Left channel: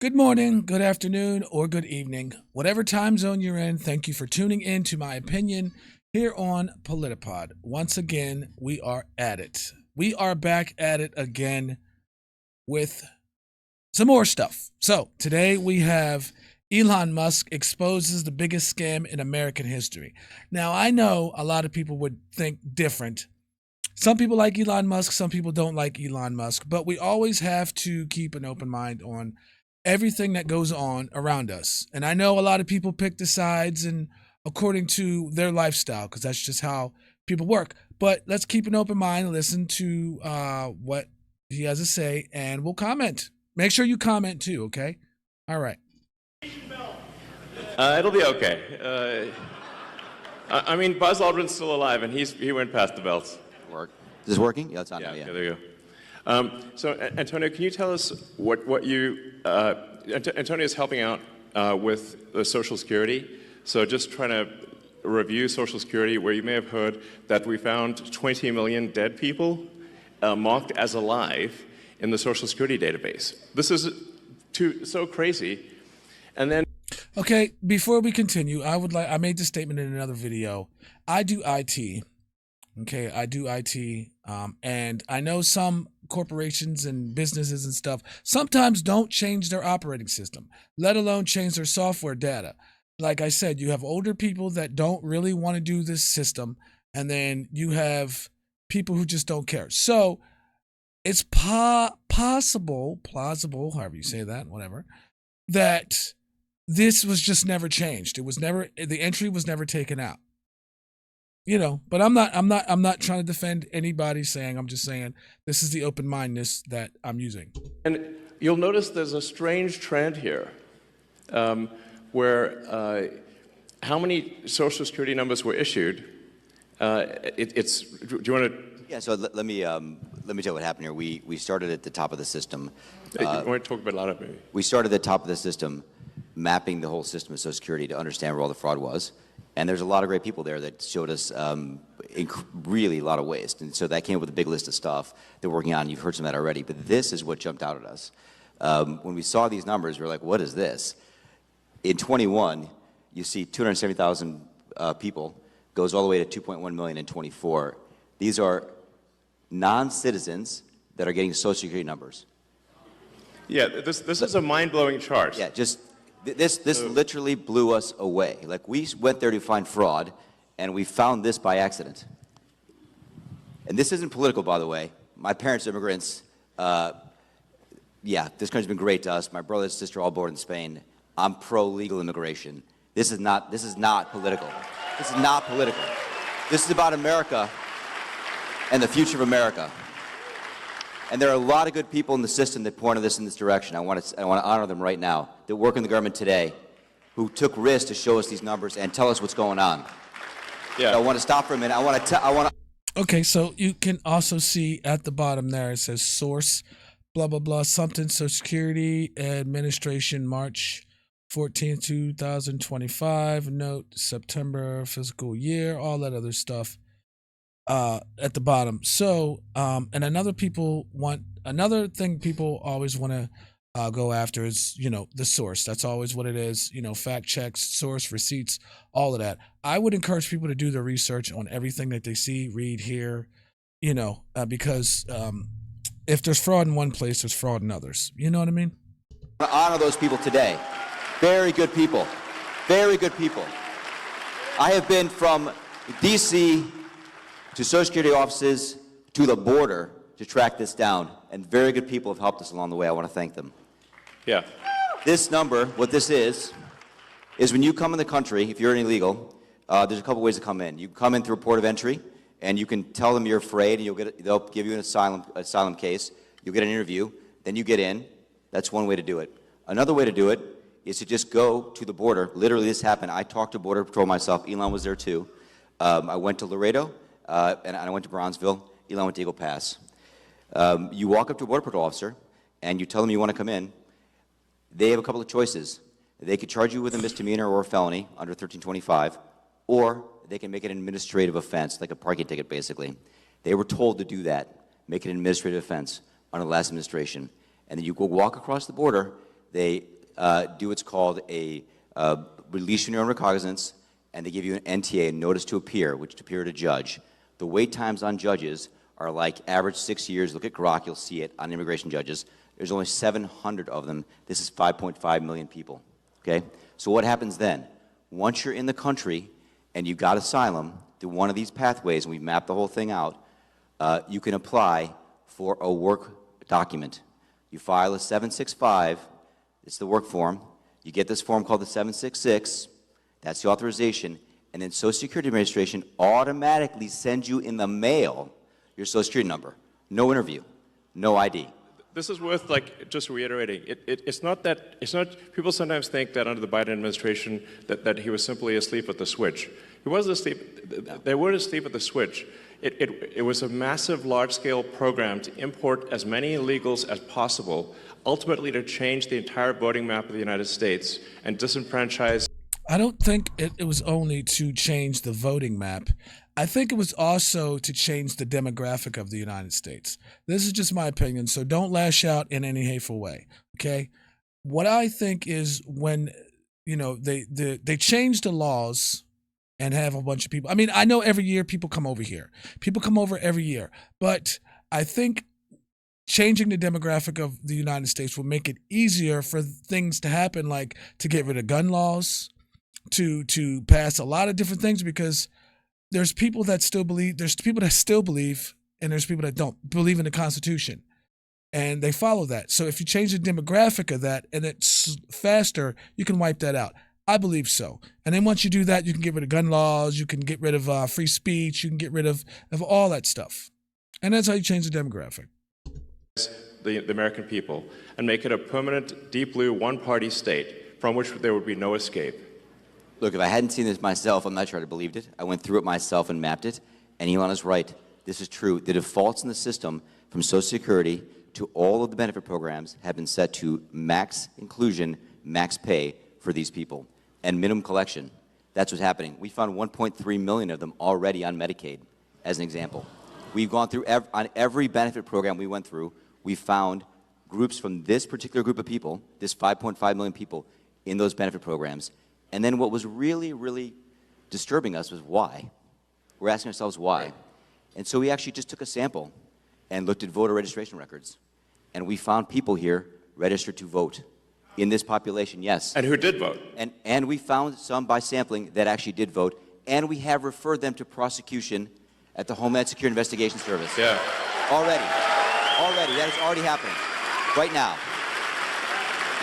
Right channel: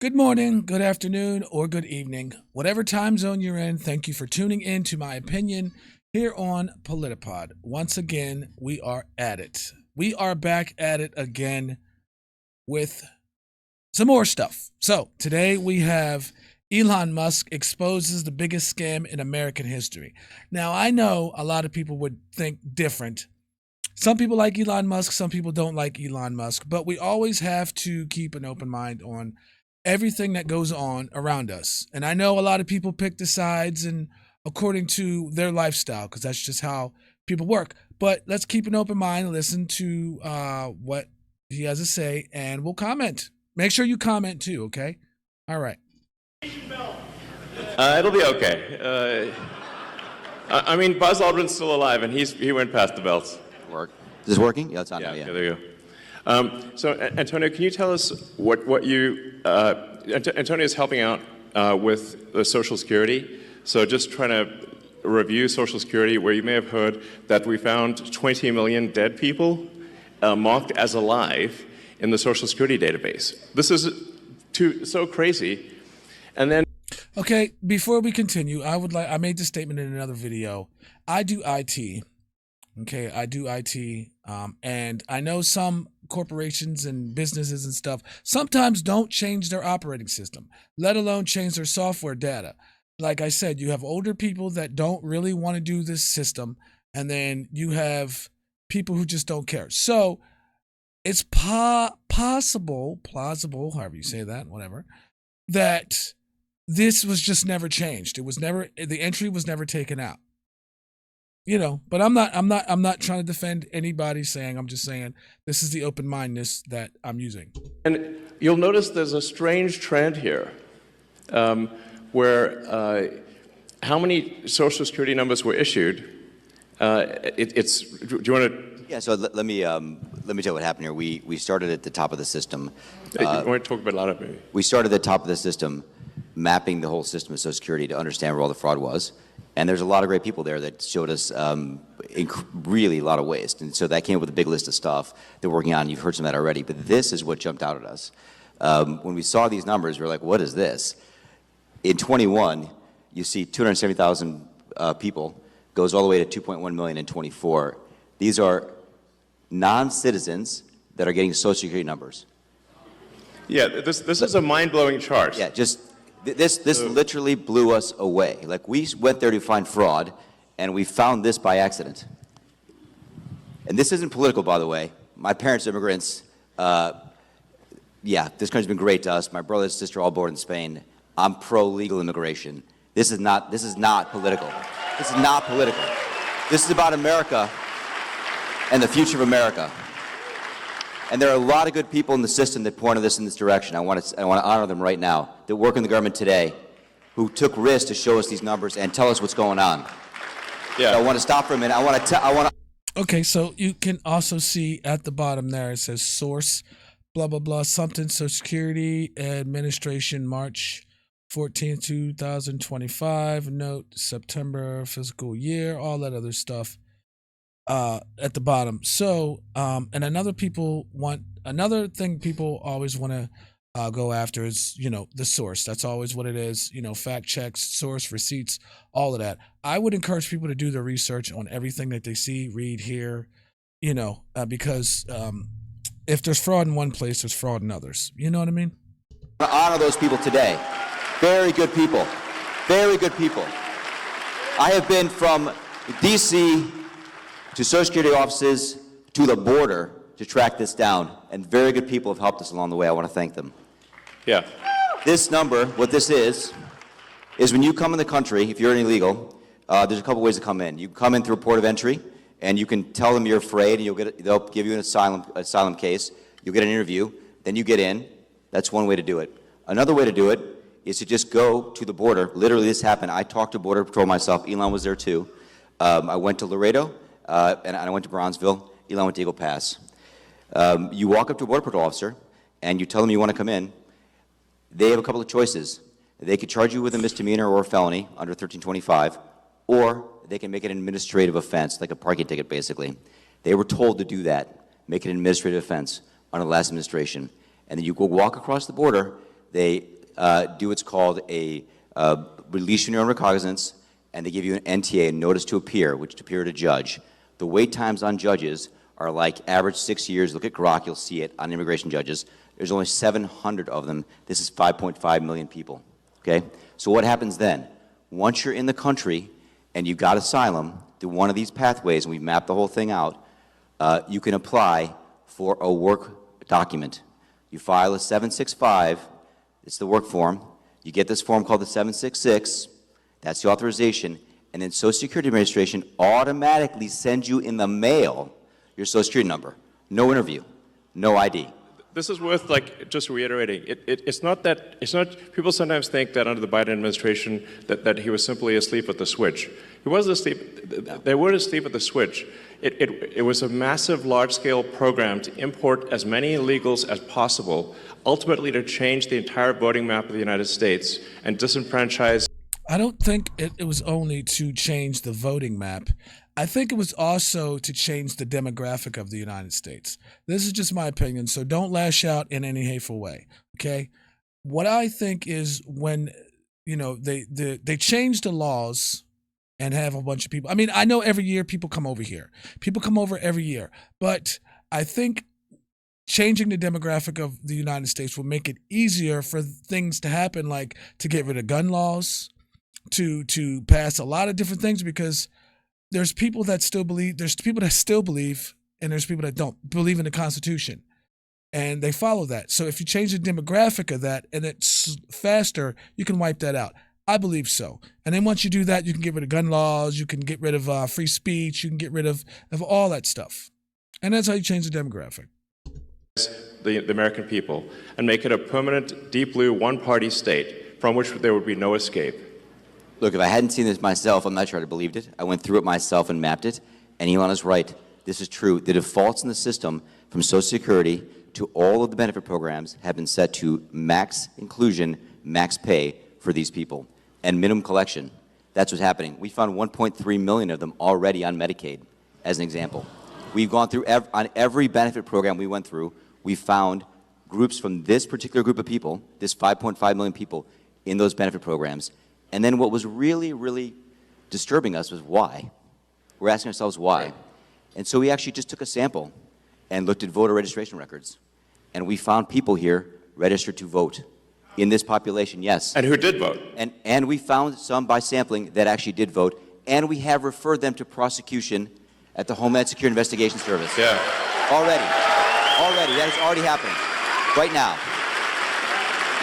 Good morning, good afternoon, or good evening. Whatever time zone you're in, thank you for tuning in to my opinion here on Politapod. Once again, we are at it. We are back at it again with some more stuff. So today we have Elon Musk exposes the biggest scam in American history. Now, I know a lot of people would think different. Some people like Elon Musk, some people don't like Elon Musk, but we always have to keep an open mind on everything that goes on around us. And I know a lot of people pick the sides and according to their lifestyle, because that's just how people work. But let's keep an open mind and listen to what he has to say, and we'll comment. Make sure you comment too, okay? All right. It'll be okay. I mean, Buzz Aldrin's still alive, and he went past the belts. Work. Is this working? Yeah, it's on Yeah, now, yeah. there you go. So, Antonio, can you tell us what you... Antonio is helping out with the Social Security. So just trying to review Social Security, where you may have heard that we found 20 million dead people marked as alive in the Social Security database. This is so crazy. And then... Okay, before we continue, I made this statement in another video. I do IT. Okay, I do IT, and I know some corporations and businesses and stuff sometimes don't change their operating system, let alone change their software data. Like I said, you have older people that don't really want to do this system, and then you have people who just don't care. So it's plausible, however you say that, whatever, that this was just never changed. The entry was never taken out. You know, but I'm not trying to defend anybody saying, I'm just saying this is the open-mindedness that I'm using. And you'll notice there's a strange trend here where how many Social Security numbers were issued. Do you want to... Yeah, so let me tell you what happened here. We started at the top of the system. You want to talk about a lot of maybe? We started at the top of the system, mapping the whole system of Social Security to understand where all the fraud was. And there's a lot of great people there that showed us really a lot of waste. And so that came up with a big list of stuff they're working on. You've heard some of that already. But this is what jumped out at us. When we saw these numbers, we were like, what is this? In 21, you see 270,000 people, goes all the way to 2.1 million in 24. These are non-citizens that are getting Social Security numbers. Yeah, this is a mind-blowing chart. Yeah, This literally blew us away. Like, we went there to find fraud, and we found this by accident. And this isn't political, by the way. My parents are immigrants. Yeah, this country's been great to us. My brother and sister all born in Spain. I'm pro-legal immigration. This is not political. This is not political. This is about America and the future of America. And there are a lot of good people in the system that pointed us in this direction. I want to honor them right now, that work in the government today, who took risks to show us these numbers and tell us what's going on. Yeah, so I want to stop for a minute. I want to. Okay, so you can also see at the bottom there, it says source, blah, blah, blah, something, Social Security Administration, March 14th, 2025, note, September, fiscal year, all that other stuff. At the bottom. So, and another thing people always want to go after is, the source. That's always what it is. Fact checks, source, receipts, all of that. I would encourage people to do their research on everything that they see, read, hear, because if there's fraud in one place, there's fraud in others. You know what I mean? I honor those people today. Very good people. Very good people. I have been from D.C. to Social Security offices, to the border, to track this down. And very good people have helped us along the way. I want to thank them. Yeah. This number, what this is when you come in the country, if you're illegal, there's a couple ways to come in. You come in through a port of entry, and you can tell them you're afraid, and they'll give you an asylum case. You'll get an interview. Then you get in. That's one way to do it. Another way to do it is to just go to the border. Literally, this happened. I talked to Border Patrol myself. Elon was there, too. I went to Laredo. And I went to Bronzeville. Elon went to Eagle Pass. You walk up to a Border Patrol officer, and you tell them you want to come in. They have a couple of choices. They could charge you with a misdemeanor or a felony under 1325, or they can make it an administrative offense, like a parking ticket, basically. They were told to do that, make it an administrative offense under the last administration. And then you go walk across the border, they do what's called a release your own recognizance, and they give you an NTA, a notice to appear, which to appear at a judge. The wait times on judges are like average 6 years. Look at Grok, you'll see it on immigration judges. There's only 700 of them. This is 5.5 million people, okay? So what happens then? Once you're in the country and you've got asylum through one of these pathways, and we've mapped the whole thing out, you can apply for a work document. You file a 765, it's the work form. You get this form called the 766, that's the authorization, and then Social Security Administration automatically sends you in the mail your Social Security number. No interview, no ID. This is worth, like, just reiterating. It's not, people sometimes think that under the Biden administration that he was simply asleep at the switch. He wasn't asleep, they weren't asleep at the switch. It was a massive, large-scale program to import as many illegals as possible, ultimately to change the entire voting map of the United States and disenfranchise. I don't think it was only to change the voting map. I think it was also to change the demographic of the United States. This is just my opinion, so don't lash out in any hateful way, okay? What I think is when, they change the laws and have a bunch of people. I mean, I know every year people come over here. People come over every year. But I think changing the demographic of the United States will make it easier for things to happen, like to get rid of gun laws, to pass a lot of different things, because there's people that still believe, and there's people that don't believe in the Constitution, and they follow that. So if you change the demographic of that and it's faster, you can wipe that out. I believe so. And then once you do that, you can get rid of gun laws, you can get rid of free speech, you can get rid of all that stuff. And that's how you change the demographic. The American people, and make it a permanent, deep blue, one-party state from which there would be no escape. Look, if I hadn't seen this myself, I'm not sure I'd have believed it. I went through it myself and mapped it, and Elon is right. This is true. The defaults in the system, from Social Security to all of the benefit programs, have been set to max inclusion, max pay for these people, and minimum collection. That's what's happening. We found 1.3 million of them already on Medicaid, as an example. We've gone through, on every benefit program we went through, we found groups from this particular group of people, this 5.5 million people, in those benefit programs. And then what was really, really disturbing us was why. We're asking ourselves why. And so we actually just took a sample and looked at voter registration records. And we found people here registered to vote in this population, yes. And who did vote. And we found some by sampling that actually did vote. And we have referred them to prosecution at the Homeland Security Investigation Service. Yeah. Already. That has already happened. Right now.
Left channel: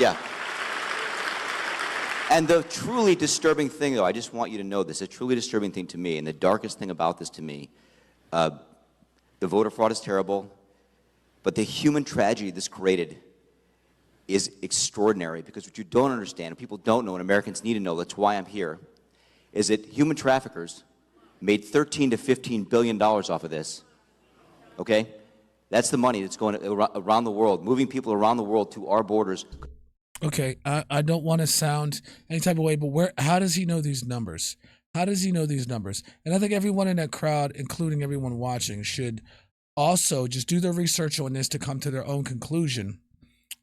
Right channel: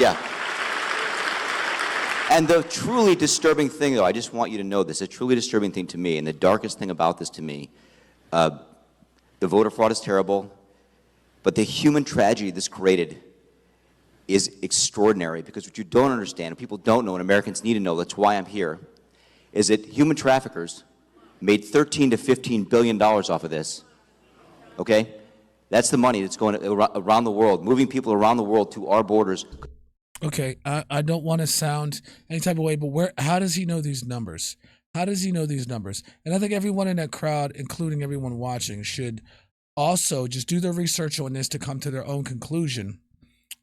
Yeah. And the truly disturbing thing, though, I just want you to know this, a truly disturbing thing to me, and the darkest thing about this to me, the voter fraud is terrible, but the human tragedy this created is extraordinary, because what you don't understand, and people don't know, and Americans need to know, that's why I'm here, is that human traffickers made $13 to $15 billion off of this, okay? That's the money that's going around the world, moving people around the world to our borders. Okay, I don't want to sound any type of way, but how does he know these numbers? How does he know these numbers? And I think everyone in that crowd, including everyone watching, should also just do their research on this to come to their own conclusion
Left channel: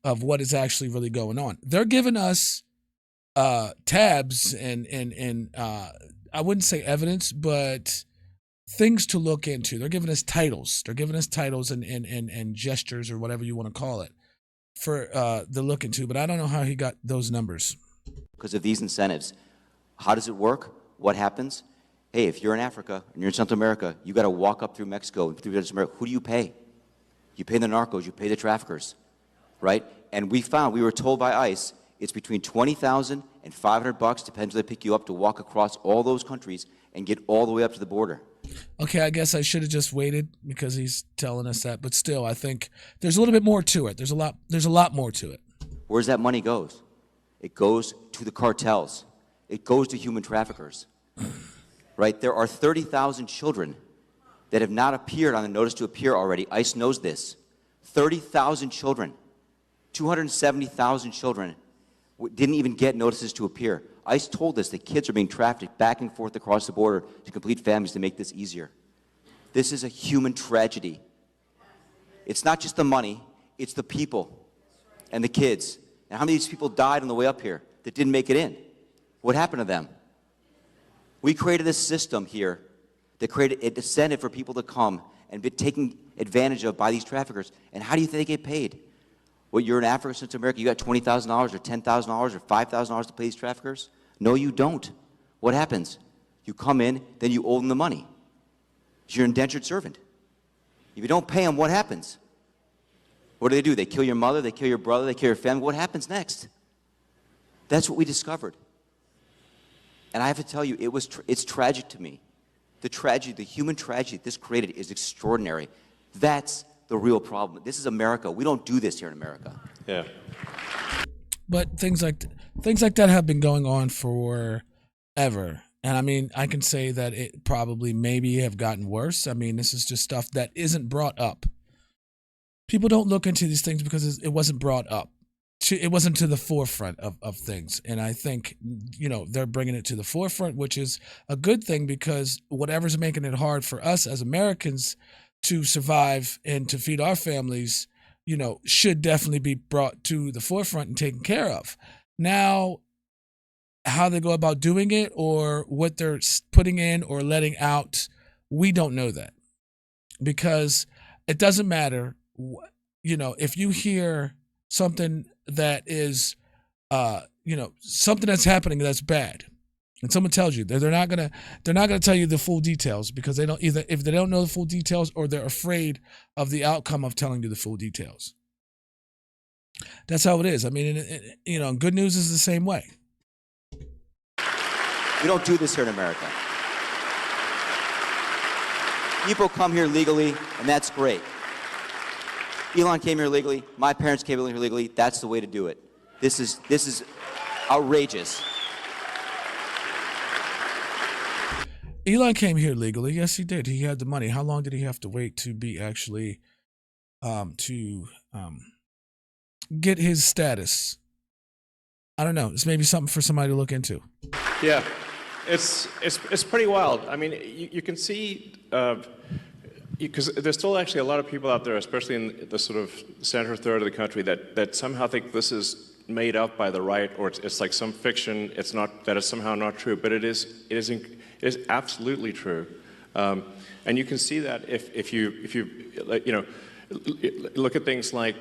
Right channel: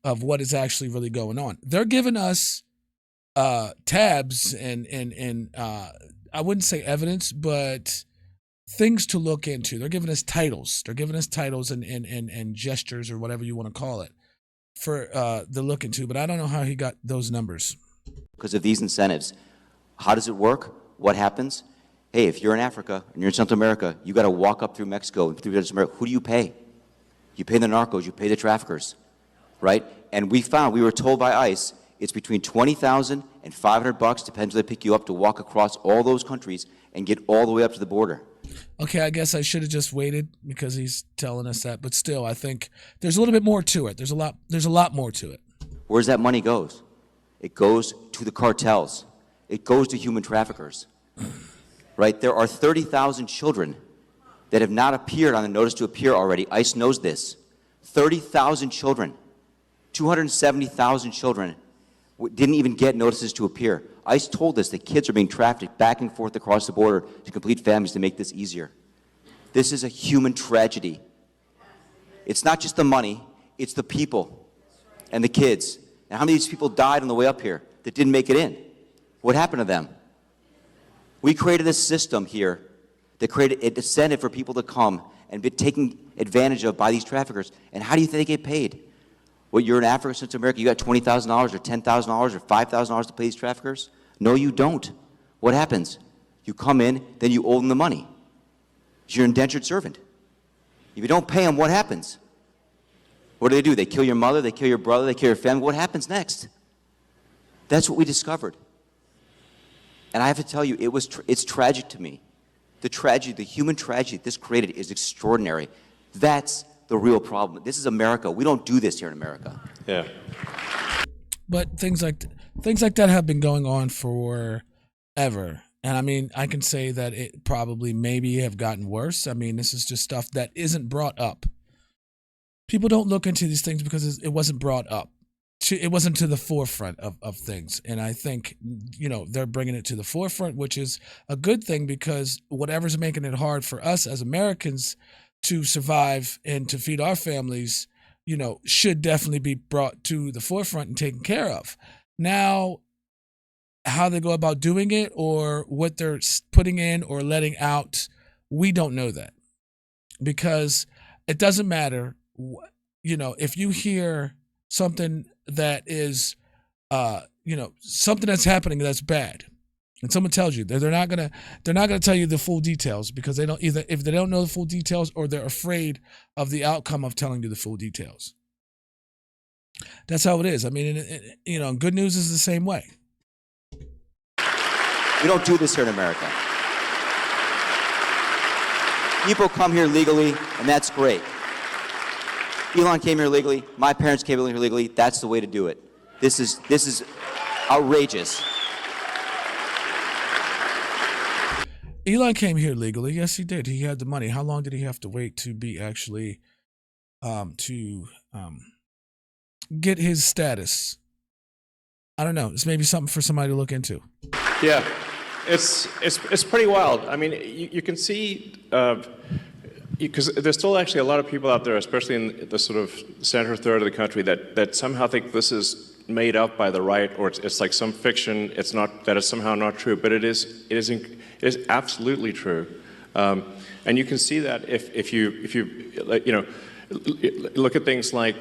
of what is actually really going on. They're giving us tabs and I wouldn't say evidence, but things to look into. They're giving us titles. They're giving us titles and gestures, or whatever you want to call it, for the look into. But I don't know how he got those numbers. Because of these incentives. How does it work? What happens? Hey, if you're in Africa and you're in Central America, you got to walk up through Mexico and through Central America. Who do you pay? You pay the narcos. You pay the traffickers, right? And we were told by ICE, it's between $20,000 and $500, depends where they pick you up, to walk across all those countries and get all the way up to the border. Okay, I guess I should have just waited, because he's telling us that. But still, I think there's a little bit more to it. There's a lot more to it. Where's that money goes? It goes to the cartels. It goes to human traffickers. Right? There are 30,000 children that have not appeared on the notice to appear already. ICE knows this. 30,000 children. 270,000 children didn't even get notices to appear. ICE told us that kids are being trafficked back and forth across the border to complete families to make this easier. This is a human tragedy. It's not just the money, it's the people and the kids And how many of these people died on the way up here that didn't make it in? What happened to them? We created a system here that created an incentive for people to come and be taken advantage of by these traffickers. And how do you think they get paid? Well, you're in Africa, Central America, you got $20,000 or $10,000 or $5,000 to pay these traffickers? No, you don't. What happens? You come in, then you owe them the money. You're an indentured servant. If you don't pay them, what happens? What do? They kill your mother, they kill your brother, they kill your family. What happens next? That's what we discovered. And I have to tell you, it's tragic to me. The tragedy, the human tragedy this created is extraordinary. That's the real problem. This is America. We don't do this here in America. Yeah. But things like that have been going on forever. And I mean, I can say that it probably maybe have gotten worse. I mean, this is just stuff that isn't brought up. People don't look into these things because it wasn't brought up. It wasn't to the forefront of things. And I think, they're bringing it to the forefront, which is a good thing, because whatever's making it hard for us as Americans to survive and to feed our families, should definitely be brought to the forefront and taken care of. Now, how they go about doing it or what they're putting in or letting out, we don't know that, because it doesn't matter. If you hear something that is, something that's happening that's bad, and someone tells you they're not gonna tell you the full details, because they don't, either if they don't know the full details or they're afraid of the outcome of telling you the full details. That's how it is. I mean, good news is the same way. We don't do this here in America. People come here legally, and that's great. Elon came here legally. My parents came here legally. That's the way to do it. This is outrageous. Elon came here legally. Yes, he did. He had the money. How long did he have to wait to be actually get his status? I don't know. It's maybe something for somebody to look into. Yeah, it's pretty wild. I mean, you can see, because there's still actually a lot of people out there, especially in the sort of center third of the country, that somehow think this is made up by the right, or it's like some fiction. It's not, that is somehow not true, but it is absolutely true. And you can see that if you look at things like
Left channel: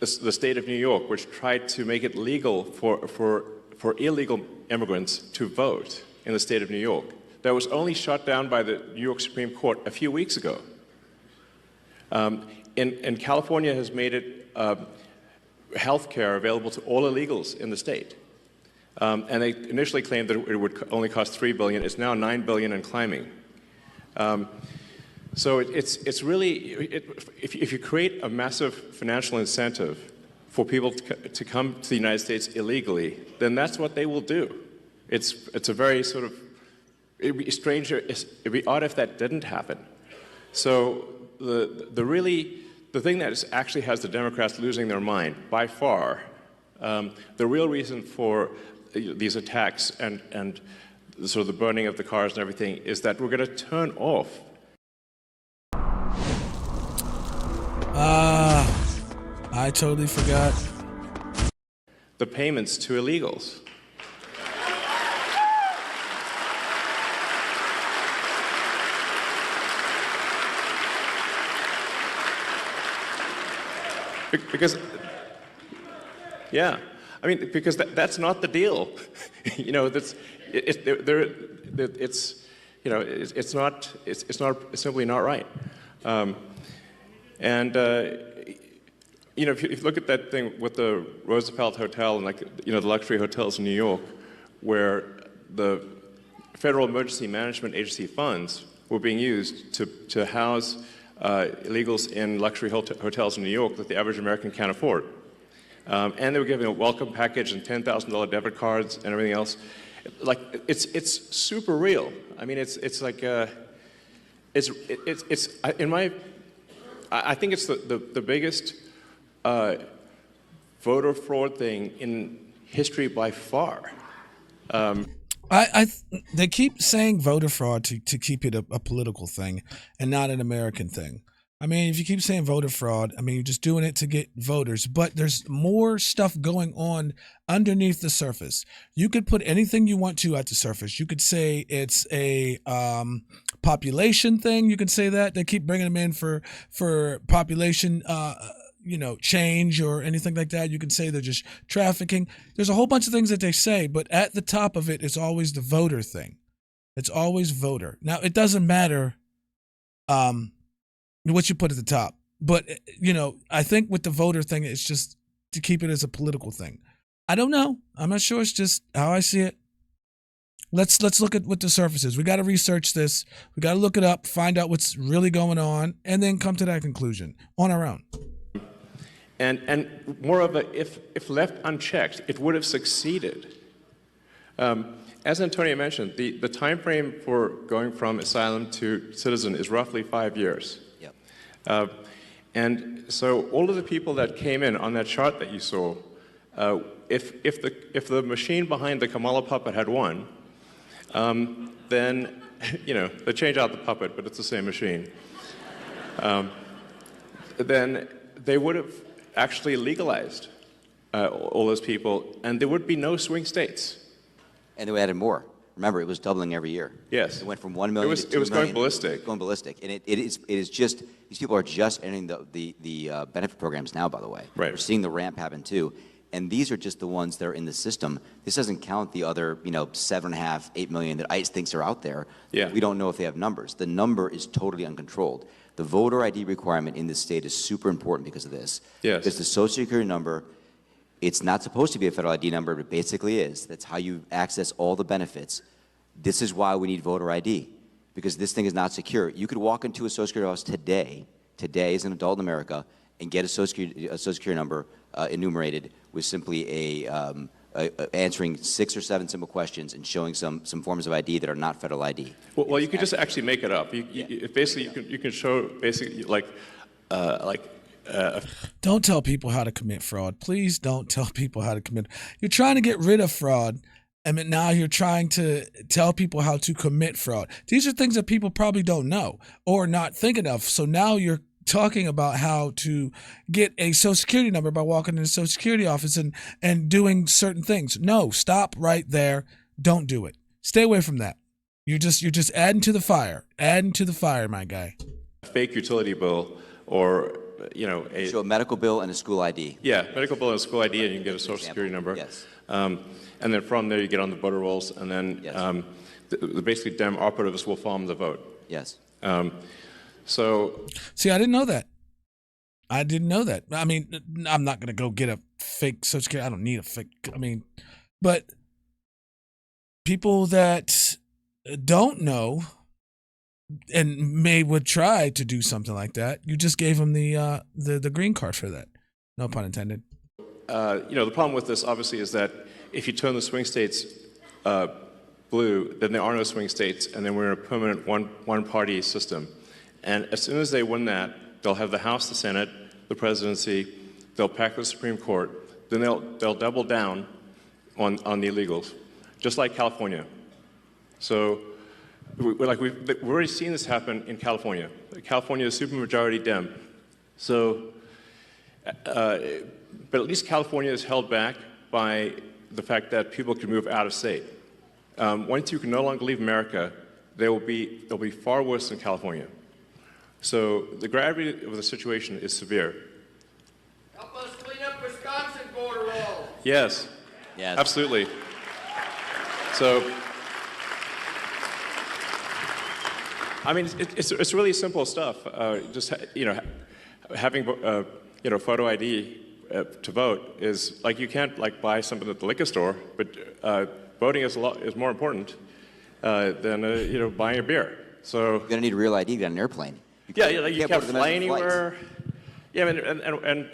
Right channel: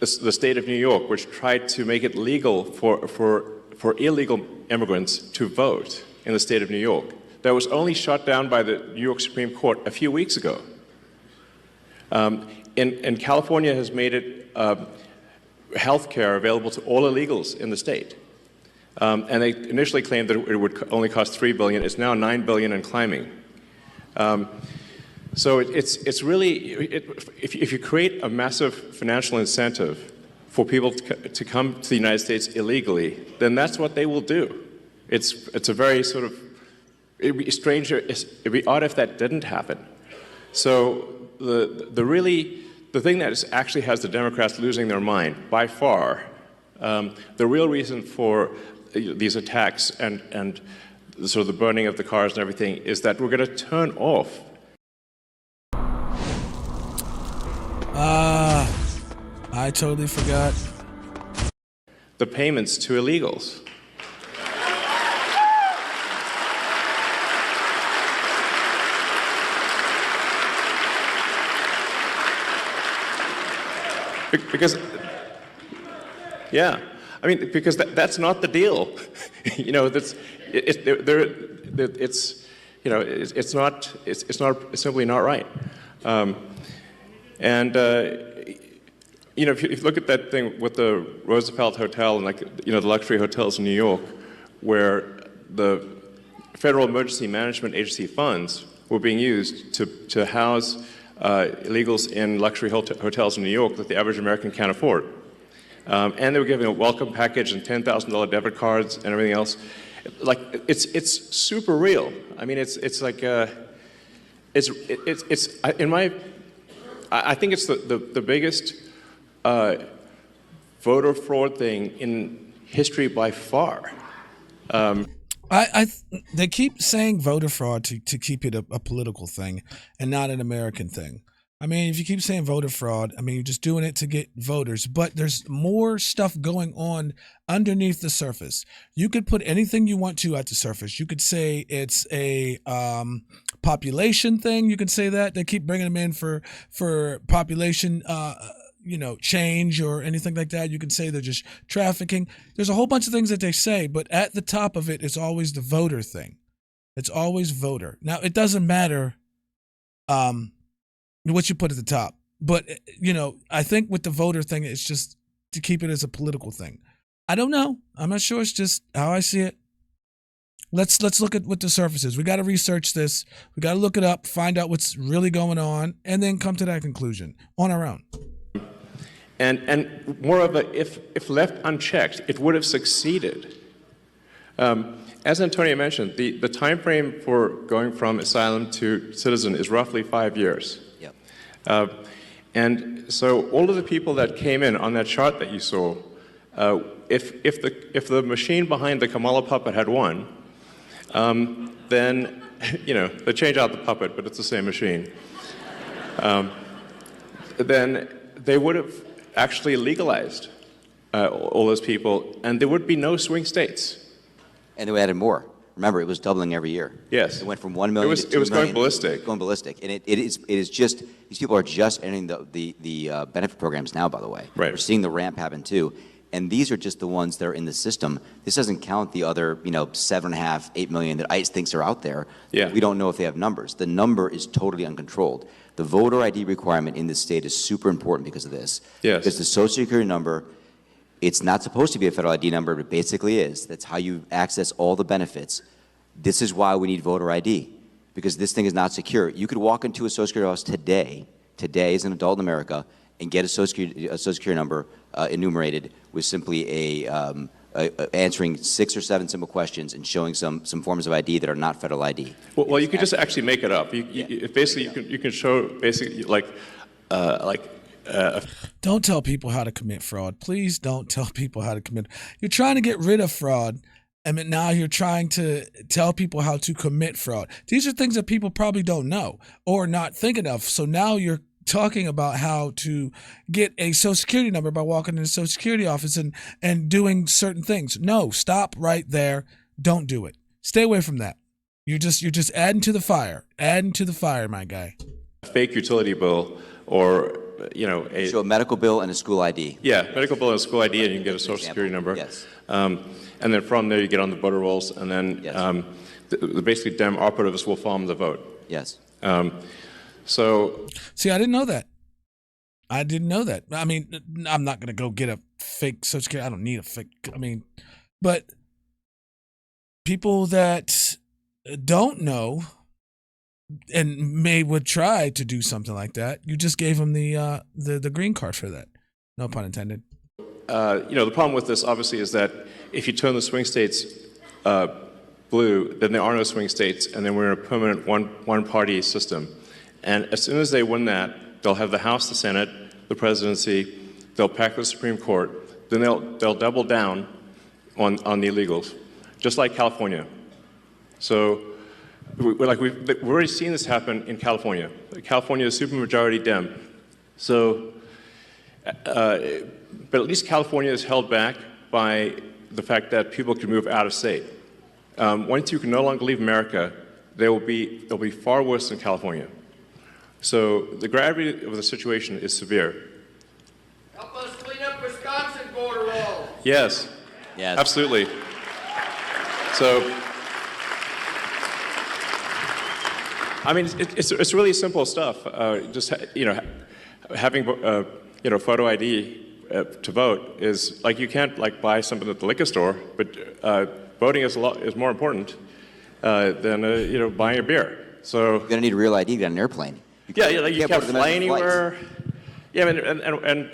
the state of New York, which tried to make it legal for illegal immigrants to vote in the state of New York. That was only shot down by the New York Supreme Court a few weeks ago. And California has made it health care available to all illegals in the state. And they initially claimed that it would only cost $3 billion. It's now $9 billion and climbing. So it's really, if you create a massive financial incentive for people to come to the United States illegally, then that's what they will do. It's a very sort of, it'd be strange, it'd be odd if that didn't happen. So the thing that actually has the Democrats losing their mind by far, the real reason for these attacks and sort of the burning of the cars and everything is that we're going to turn off. I totally forgot. The payments to illegals. Because, yeah, I mean, because that's not the deal. It's simply not right. If you look at that thing with the Roosevelt Hotel and the luxury hotels in New York, where the Federal Emergency Management Agency funds were being used to house illegals in luxury hotels in New York that the average American can't afford. And they were giving a welcome package and $10,000 debit cards and everything else. Like, it's super real. I mean, I think it's the biggest voter fraud thing in history by far. They keep saying voter fraud to keep it a political thing and not an American thing. I mean, if you keep saying voter fraud, I mean, you're just doing it to get voters, but there's more stuff going on underneath the surface. You could put anything you want to at the surface. You could say it's a population thing. You can say that. They keep bringing them in for population change or anything like that. You can say they're just trafficking. There's a whole bunch of things that they say, but at the top of it is always the voter thing. It's always voter. Now, it doesn't matter what you put at the top. But, I think with the voter thing, it's just to keep it as a political thing. I don't know. I'm not sure. It's just how I see it. Let's look at what the surface is. We got to research this. We got to look it up, find out what's really going on, and then come to that conclusion on our own. And moreover, if left unchecked, it would have succeeded. As Antonio mentioned, the time frame for going from asylum to citizen is roughly 5 years. And so all of the people that came in on that chart that you saw, if the machine behind the Kamala puppet had won, then they change out the puppet, but it's the same machine. Then they would have actually legalized all those people, and there would be no swing states. And they added more. Remember, it was doubling every year. Yes. It went from 1 million to 2 million. It was going ballistic. Going ballistic. And it is just, these people are just entering the benefit programs now, by the way. Right. We're seeing the ramp happen, too. And these are just the ones that are in the system. This doesn't count the other, 7.5, 8 million that ICE thinks are out there. Yeah. We don't know if they have numbers. The number is totally uncontrolled. The voter ID requirement in this state is super important because of this. Yes. Because the Social Security number, it's not supposed to be a federal ID number, but it basically is. That's how you access all the benefits. This is why we need voter ID, because this thing is not secure. You could walk into a Social Security office today as an adult in America, and get a Social Security number enumerated with simply answering 6 or 7 simple questions and showing some forms of ID that are not federal ID. Well, you can just actually make it up. Basically, you can show basically Don't tell people how to commit fraud. Please don't tell people how to commit. You're trying to get rid of fraud, and now you're trying to tell people how to commit fraud. These are things that people probably don't know or not thinking of. So now you're talking about how to get a Social Security number by walking in a Social Security office and doing certain things. No, stop right there. Don't do it. Stay away from that. You're just adding to the fire. Adding to the fire, my guy. fake utility bill or show a medical bill and a school ID. Yeah, medical bill and a school ID, and you can get a Social Security number. Yes. And then from there you get on the voter rolls, and then Yes. the basically Dem operatives will farm the vote. Yes. See, I didn't know that. I didn't know that. I mean, I'm not going to go get a fake Social Security. I don't need a fake. But people that don't know and would try to do something like that, you just gave them the green card for that. No pun intended. The problem with this, obviously, is that if you turn the swing states blue, then there are no swing states, and then we're in a permanent one-party system. And as soon as they win that, they'll have the House, the Senate, the presidency, they'll pack the Supreme Court, then they'll double down on the illegals, just like California. So we've already seen this happen in California. California is supermajority Dem. So, but at least California is held back by the fact that people can move out of state. Once you can no longer leave America, it'll be far worse than California. So the gravity of the situation is severe. Help us clean up Wisconsin border wall. Yes. Yes. Absolutely. So, I mean, it's really simple stuff. Just having photo ID to vote is like you can't buy something at the liquor store, but voting is more important than buying a beer. So You're going to need a real ID to get on an airplane. you can't fly anywhere. Yeah, and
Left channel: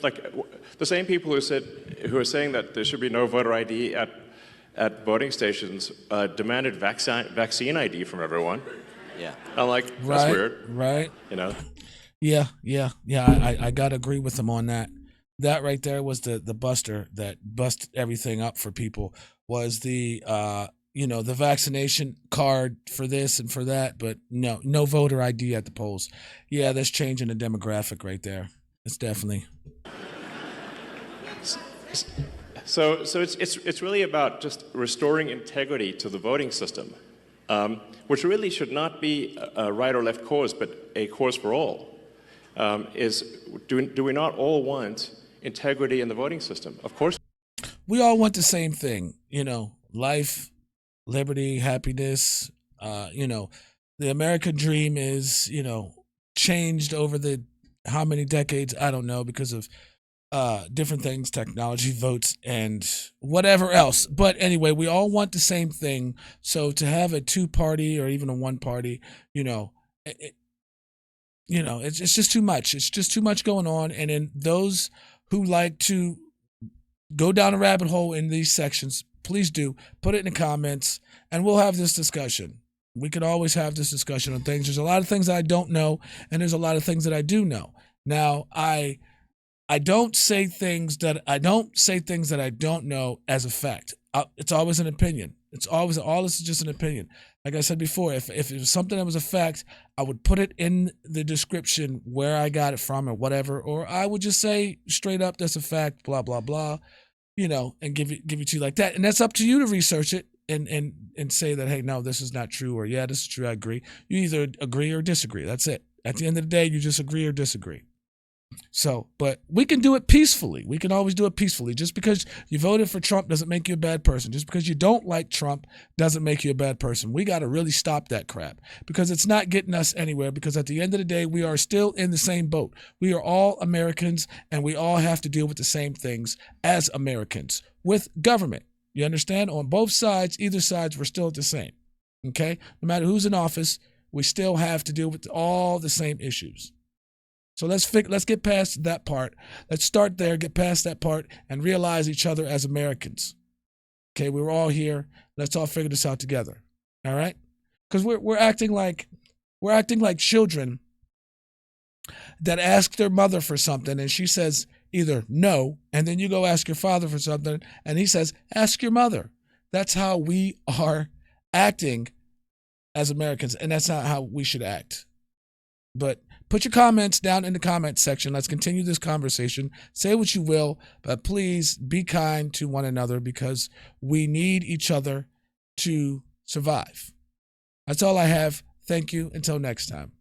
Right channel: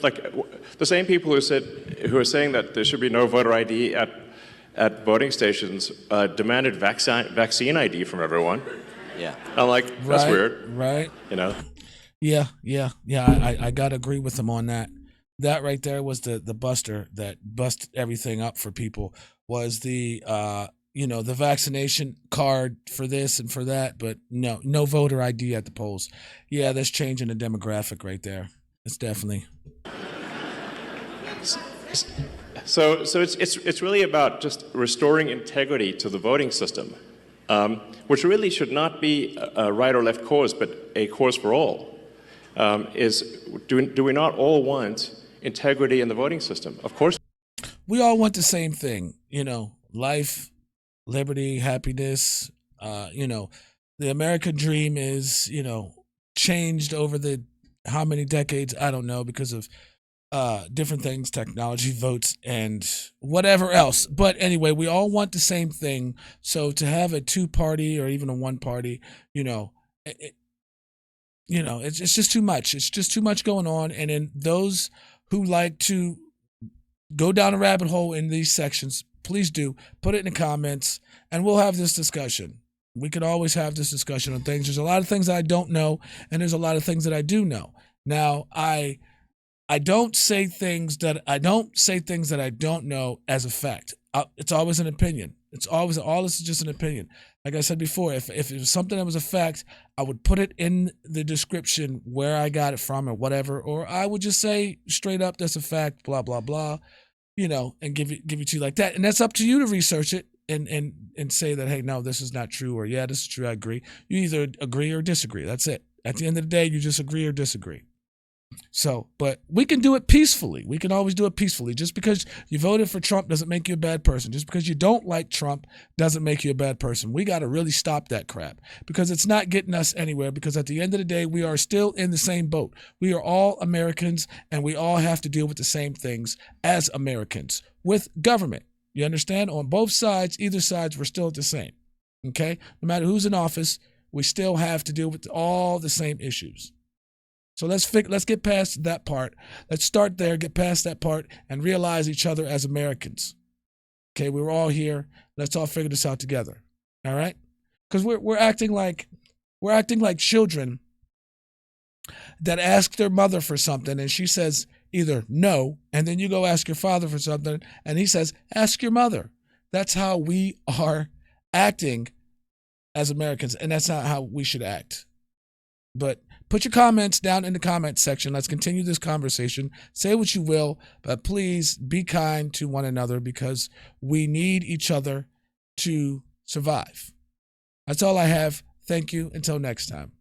the same people who are saying that there should be no voter ID at voting stations demanded vaccine ID from everyone. Yeah. I'm like, that's Right, weird, right. Yeah. Yeah. I got to agree with them on that. That right there was the buster that busted everything up for people, was the the vaccination card for this and for that, but no voter ID at the polls. Yeah, that's changing the demographic right there. It's definitely. So it's really about just restoring integrity to the voting system, which really should not be a right or left cause, but a cause for all. Do we not all want integrity in the voting system? Of course. We all want the same thing, life, liberty, happiness. The American dream is, changed over the how many decades, I don't know, because of different things, technology, votes, and whatever else. But anyway, we all want the same thing. So to have a two-party or even a one-party, it's just too much. It's just too much going on. And then those who like to go down a rabbit hole in these sections, please do put it in the comments, and we'll have this discussion. We can always have this discussion on things. There's a lot of things I don't know, and there's a lot of things that I do know. Now, I don't say things that I don't know as a fact. It's always an opinion. It's always, all this is just an opinion. Like I said before, if it was something that was a fact, I would put it in the description where I got it from or whatever, or I would just say straight up, that's a fact, blah, blah, blah, and give it to you like that. And that's up to you to research it and say that, hey, no, this is not true, or yeah, this is true, I agree. You either agree or disagree. That's it. At the end of the day, you just agree or disagree. So, but we can do it peacefully. We can always do it peacefully. Just because you voted for Trump doesn't make you a bad person. Just because you don't like Trump doesn't make you a bad person. We got to really stop that crap, because it's not getting us anywhere, because at the end of the day, we are still in the same boat. We are all Americans, and we all have to deal with the same things as Americans with government. You understand? On both sides, either sides, we're still the same. Okay? No matter who's in office, we still have to deal with all the same issues. So let's get past that part. Let's start there, get past that part, and realize each other as Americans. Okay, we're all here. Let's all figure this out together. All right? Because we're acting like children that ask their mother for something, and she says either no, and then you go ask your father for something, and he says, ask your mother. That's how we are acting as Americans, and that's not how we should act. But put your comments down in the comment section. Let's continue this conversation. Say what you will, but please be kind to one another, because we need each other to survive. That's all I have. Thank you. Until next time.